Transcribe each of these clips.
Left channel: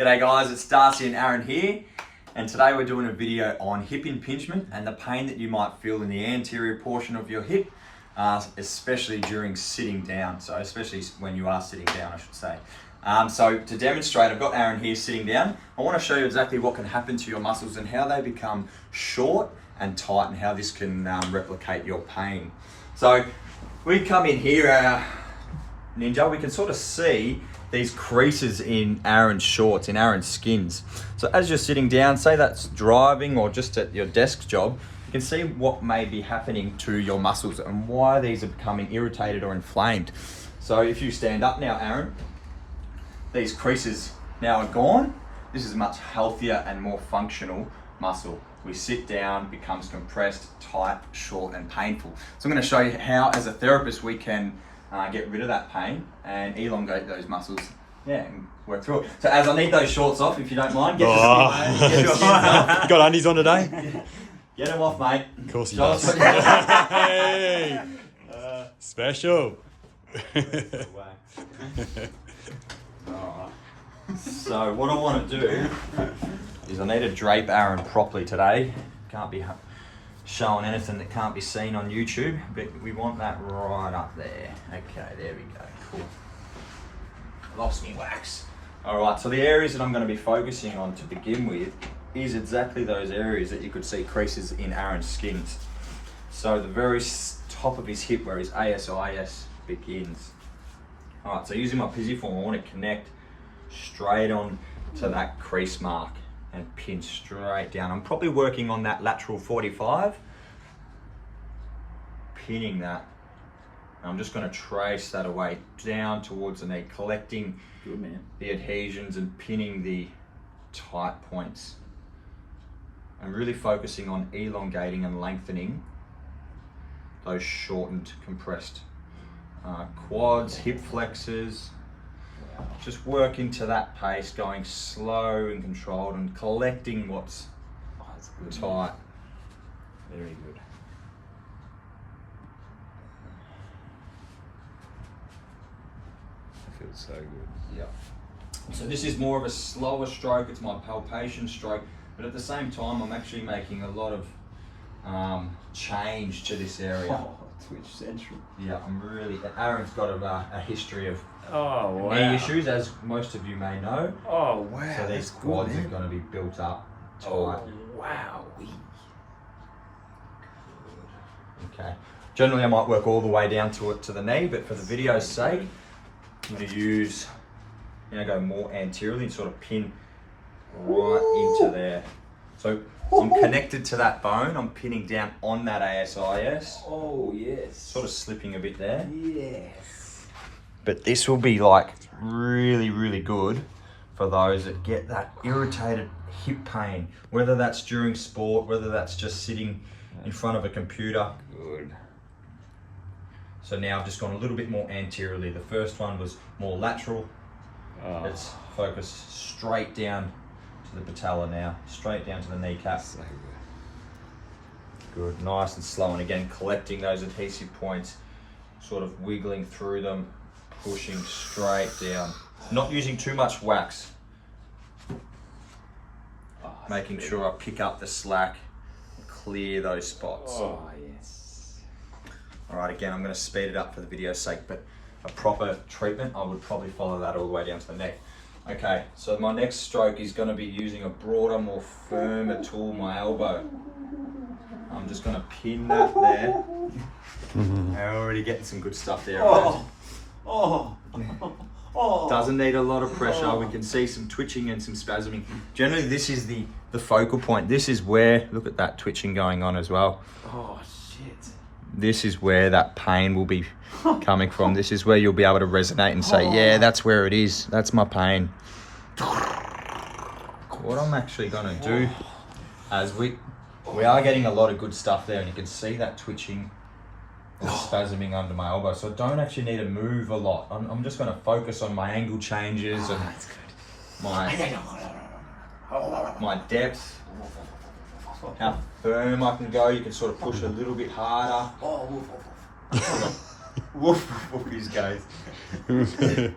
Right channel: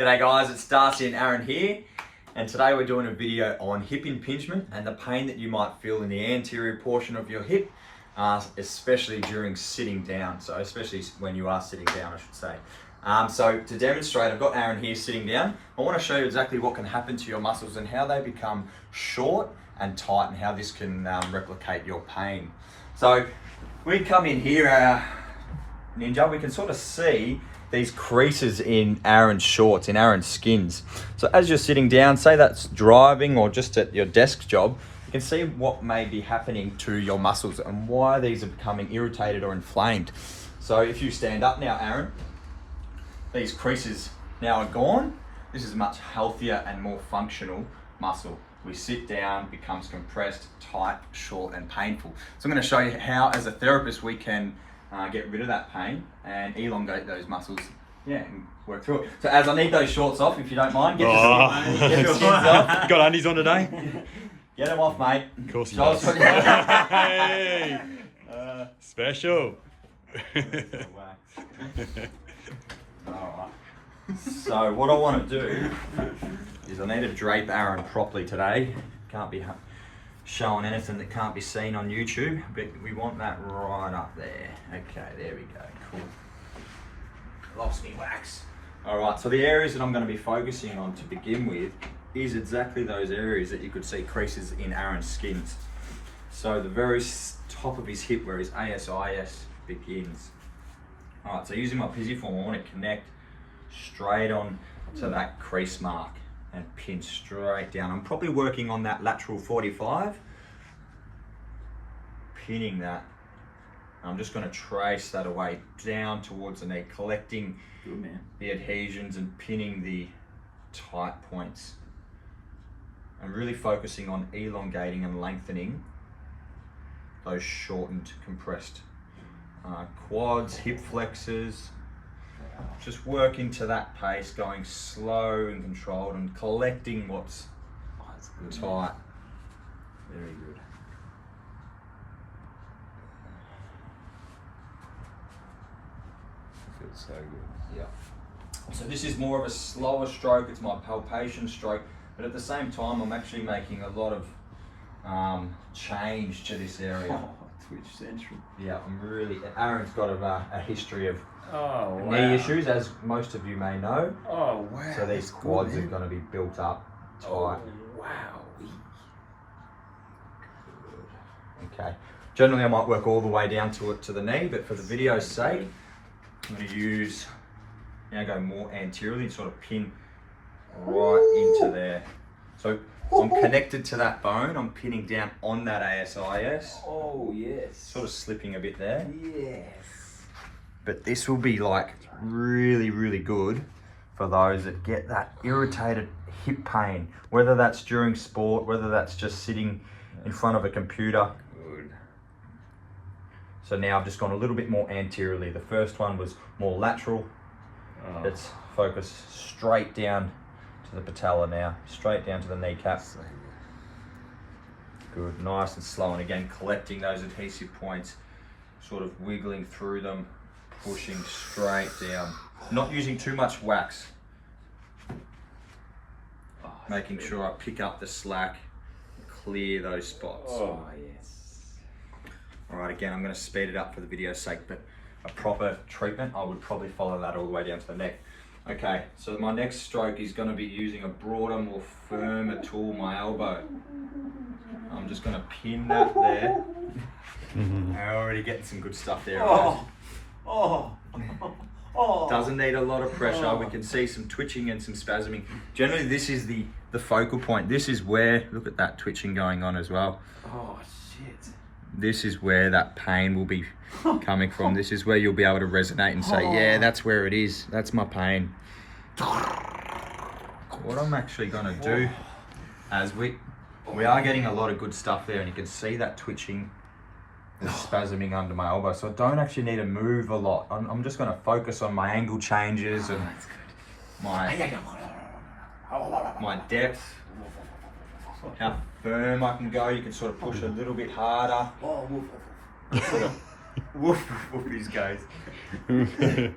G'day guys, it's Darcy and Aaron here, and today we're doing a video on hip impingement and the pain that you might feel in the anterior portion of your hip, especially during sitting down. So especially when you are sitting down, I should say. So to demonstrate, I've got Aaron here sitting down. I want to show you exactly what can happen to your muscles and how they become short and tight and how this can replicate your pain. So we come in here, Ninja, we can sort of see these creases in Aaron's shorts, in Aaron's skins. So as you're sitting down, say that's driving or just at your desk job, you can see what may be happening to your muscles and why these are becoming irritated or inflamed. So if you stand up now, Aaron, these creases now are gone. This is a much healthier and more functional muscle. We sit down, becomes compressed, tight, short, and painful. So I'm going to show you how, as a therapist, we can get rid of that pain and elongate those muscles. Yeah, and work through it. So as I need those shorts off, if you don't mind, get your skins off. Got undies on today? Get them off, mate. Of course he does. Hey! Special. Alright. So what I want to do is I need to drape Aaron properly today. Can't be showing anything that can't be seen on YouTube, but we want that right up there. Okay, there we go, cool. Lost me wax. Alright, so the areas that I'm going to be focusing on to begin with is exactly those areas that you could see creases in Aaron's skins. So the very top of his hip where his ASIS begins. Alright, so using my pisiform, I want to connect straight on to that crease mark and pin straight down. I'm probably working on that lateral 45, pinning that. I'm just going to trace that away down towards the knee, collecting the adhesions and pinning the tight points. And really focusing on elongating and lengthening those shortened, compressed quads, hip flexors. Just working to that pace, going slow and controlled and collecting what's tight. Very good. Feels so good. Yep. So this is more of a slower stroke, it's my palpation stroke, but at the same time I'm actually making a lot of change to this area. Oh, Twitch Central. Yeah, Aaron's got a history of knee issues, as most of you may know. Oh, wow. So these quads are going to be built up tight. Oh, wow. Okay. Generally, I might work all the way down to the knee, but for the video's sake, I'm going to go more anteriorly and sort of pin right into there. So I'm connected to that bone. I'm pinning down on that ASIS. Oh, yes. Sort of slipping a bit there. Yes. But this will be like really, really good for those that get that irritated hip pain, whether that's during sport, whether that's just sitting in front of a computer. Good. So now I've just gone a little bit more anteriorly. The first one was more lateral. Oh. Let's focus straight down to the patella now, straight down to the kneecap. So Good, nice and slow, and again collecting those adhesive points, sort of wiggling through them, pushing straight down. Not using too much wax. Oh, Making sure I pick up the slack, clear those spots. Oh, yes. Alright, again, I'm going to speed it up for the video's sake, but a proper treatment, I would probably follow that all the way down to the neck. Okay, so my next stroke is going to be using a broader, more firmer tool, my elbow. I'm just going to pin that there. I'm already getting some good stuff there. Oh. Oh. Oh. Doesn't need a lot of pressure. We can see some twitching and some spasming. Generally, this is the focal point. This is where, look at that twitching going on as well. Oh, shit. This is where that pain will be coming from. This is where you'll be able to resonate and say, yeah, that's where it is. That's my pain. What I'm actually going to do, as we are getting a lot of good stuff there, and you can see that twitching and spasming under my elbow. So I don't actually need to move a lot. I'm just going to focus on my angle changes and my depth, how firm I can go. You can sort of push a little bit harder. Woof, woof, these guys. Turn me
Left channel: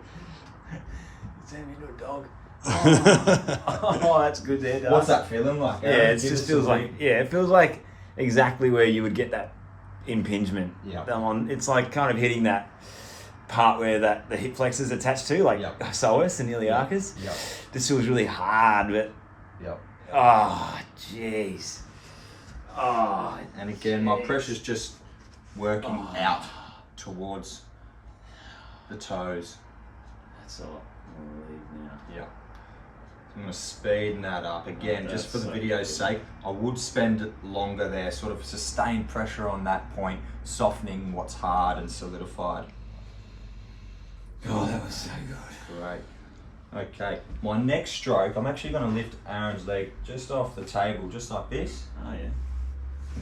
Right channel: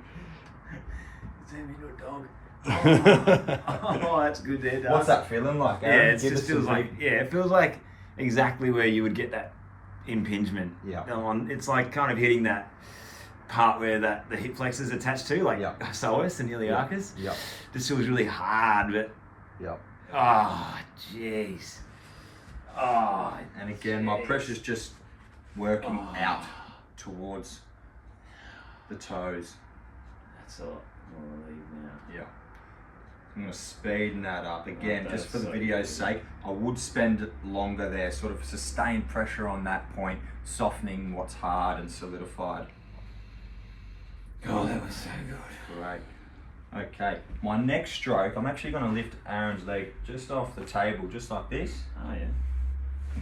into a dog. Oh, that's good there, Dust. What's that feeling like, Yeah, Aaron? it Give just us feels some like it feels like exactly where you would get that impingement. Yeah. It's like kind of hitting that part where that the hip flexors attached to, like Yep. psoas and iliacus. Yep. This feels really hard, but Yep. oh, jeez. Oh, And again, my pressure's just working out towards the toes. that's all. I'll leave now. Yeah. I'm going to speed that up again, just for the That's so video's good. sake. I would spend longer there, sort of sustained pressure on that point, softening what's hard and solidified. Oh, that was so good. Great. Okay, my next stroke, I'm actually going to lift Aaron's leg just off the table, just like this. Oh yeah.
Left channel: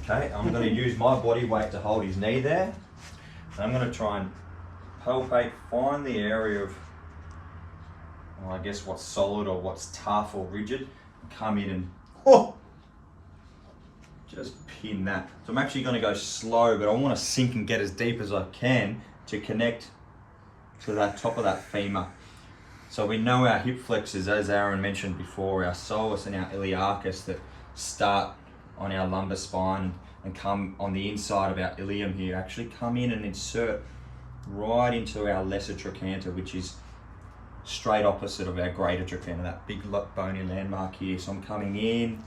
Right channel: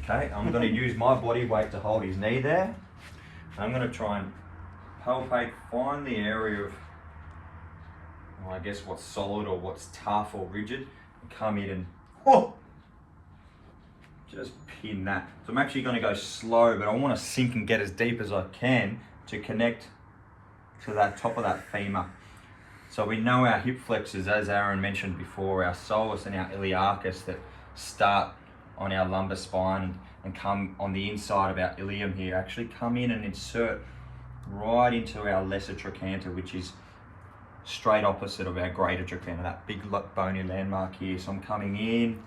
Okay, I'm going to use my body weight to hold his knee there. I'm going to try and palpate, find the area of, well, I guess what's solid or what's tough or rigid, and come in and just pin that. So I'm actually going to go slow, but I want to sink and get as deep as I can to connect to that top of that femur. So we know our hip flexors, as Aaron mentioned before, our soleus and our iliacus that start on our lumbar spine and come on the inside of our ilium here, actually come in and insert right into our lesser trochanter, which is straight opposite of our greater trochanter, that big bony landmark here. So I'm coming in,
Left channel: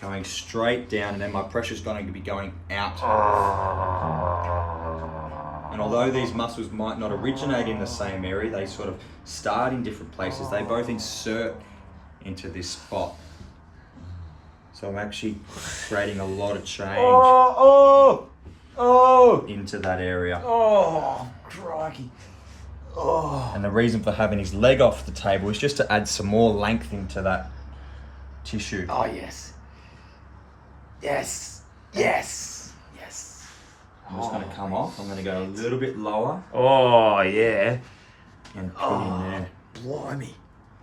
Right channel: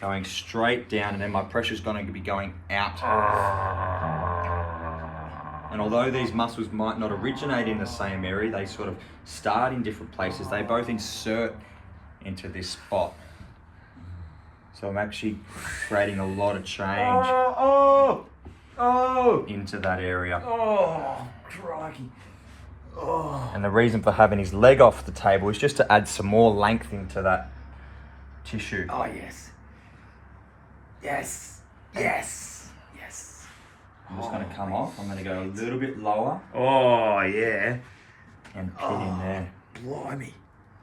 going straight down, and then my pressure's going to be going out. And although these muscles might not originate in the same area, they sort of start in different places. They both insert into this spot. So I'm actually creating a lot of change into that area. Oh, crikey. Oh. And the reason for having his leg off the table is just to add some more length into that tissue. Oh, yes. Yes. Yes. Yes. I'm just going to come off. I'm going to go a little bit lower Oh, yeah. and pin in there. Blimey.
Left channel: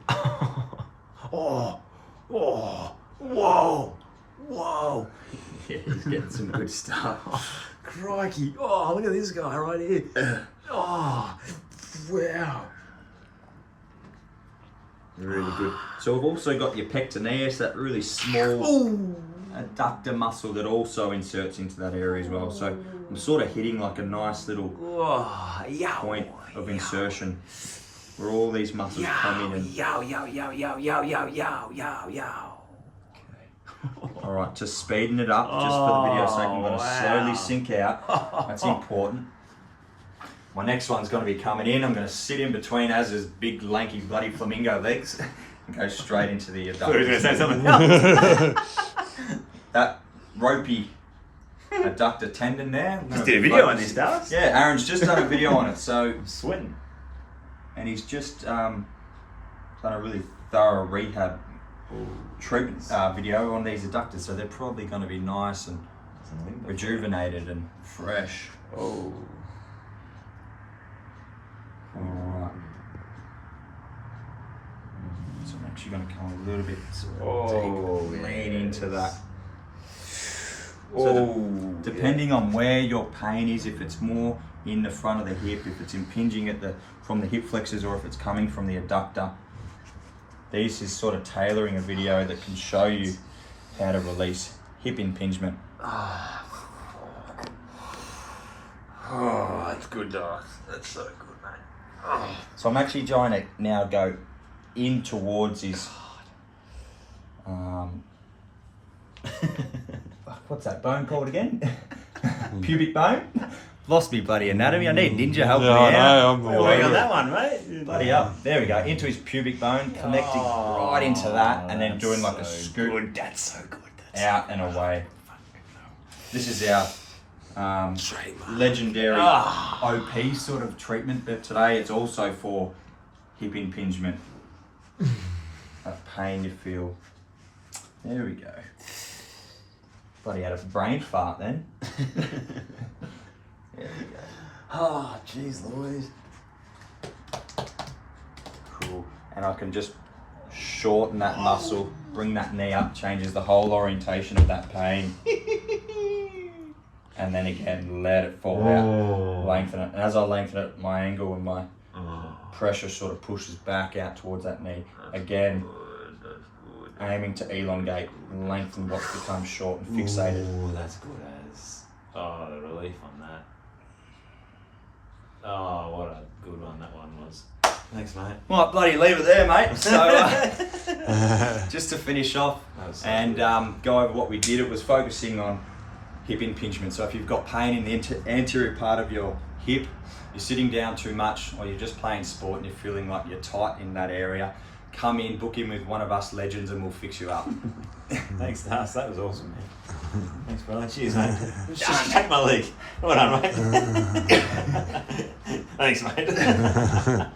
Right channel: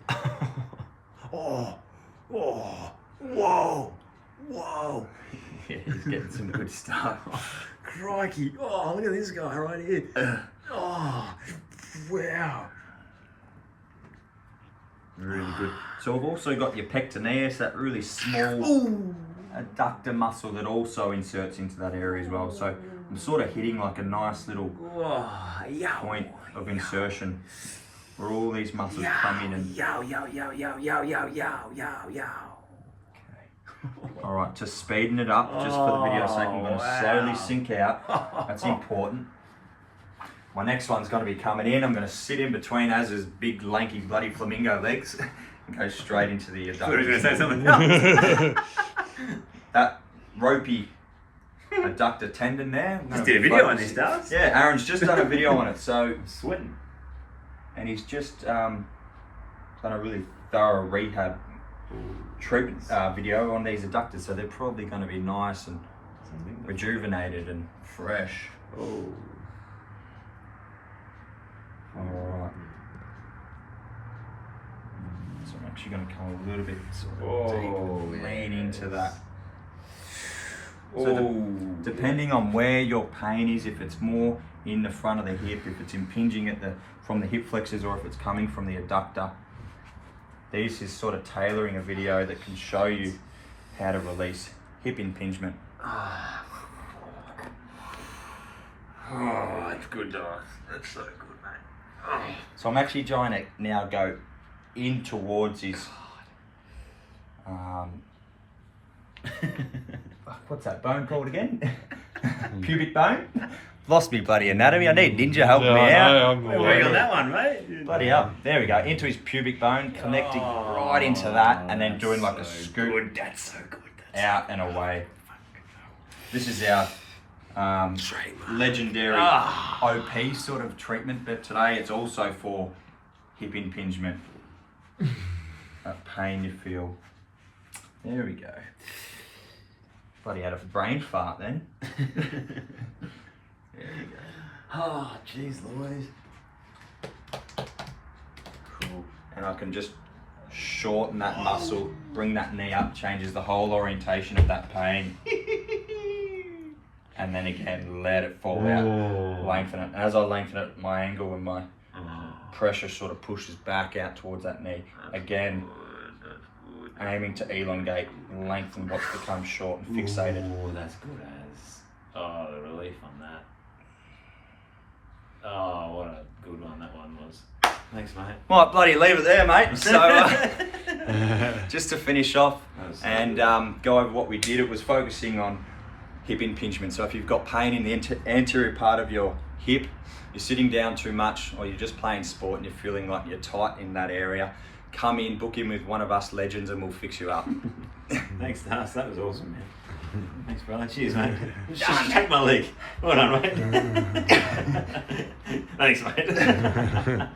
Oh. Oh. Whoa. Whoa. Yeah, he's getting some good stuff. Crikey. Oh, look at this guy right here. Oh. Wow. Really good. So we've also got your pectineus, that really small adductor muscle that also inserts into that area as well. So I'm sort of hitting like a nice little Oh, yow. point of insertion where all these muscles come in and... Yow, yow, yow, yow, yow, yow, yow, yow, yow. All right, to speeding it up, just for the video's sake, I'm going to wow. slowly sink out. That's important. My next one's going to be coming in. I'm going to sit in between Az's big, lanky, bloody flamingo legs and go straight into the adductor. say something else. That ropey adductor tendon there. I'm Just gonna did a video on focus- this, Dust. Yeah, Aaron's just done a video on it. So, I'm sweating. and he's just done a really thorough rehab treatment video on these adductors. So they're probably going to be nice and rejuvenated and fresh. Oh. All right. So I'm actually going to come a little bit deep, lean into that. So depending on where your pain is, if it's more in the front of the hip, if it's impinging at from the hip flexors, or if it's coming from the adductor, this is sort of tailoring a video that can show you how to release hip impingement. Oh, that's good, Dust. That's so good, mate. Oh. So I'm actually trying to now go in towards his what's that bone called again? Pubic bone? Lost me bloody anatomy. I need Ninja help me out. I'm Well, all work on over that it. one, mate. Bloody up. There we go. Into his pubic bone, connecting right into that, and then doing like a scoop Good. That's so good. That's out and away. This is our legendary Ah. OP sort of treatment, but today it's also for hip impingement. That pain you feel. There we go. Bloody had a brain fart then. There we go. Oh, jeez Louise. Cool. And I can just shorten that muscle, bring that knee up, changes the whole orientation of that pain. And then again, let it fall out, lengthen it. And as I lengthen it, my angle and my pressure sort of pushes back out towards that knee. Again, aiming to elongate, lengthen what's become short and fixated. Oh, that's good as. Oh, the relief on that. Oh, what a good one that one was. Thanks, mate. Might bloody leave it there, mate. So, just to finish off and go over what we did, it was focusing on hip impingement. So if you've got pain in the anterior part of your hip, you're sitting down too much, or you're just playing sport and you're feeling like you're tight in that area, come in, book in with one of us legends and we'll fix you up. Thanks, Das. That was awesome, man. Thanks, brother. Cheers, mate. Shake my leg. Well done, mate. Thanks, mate.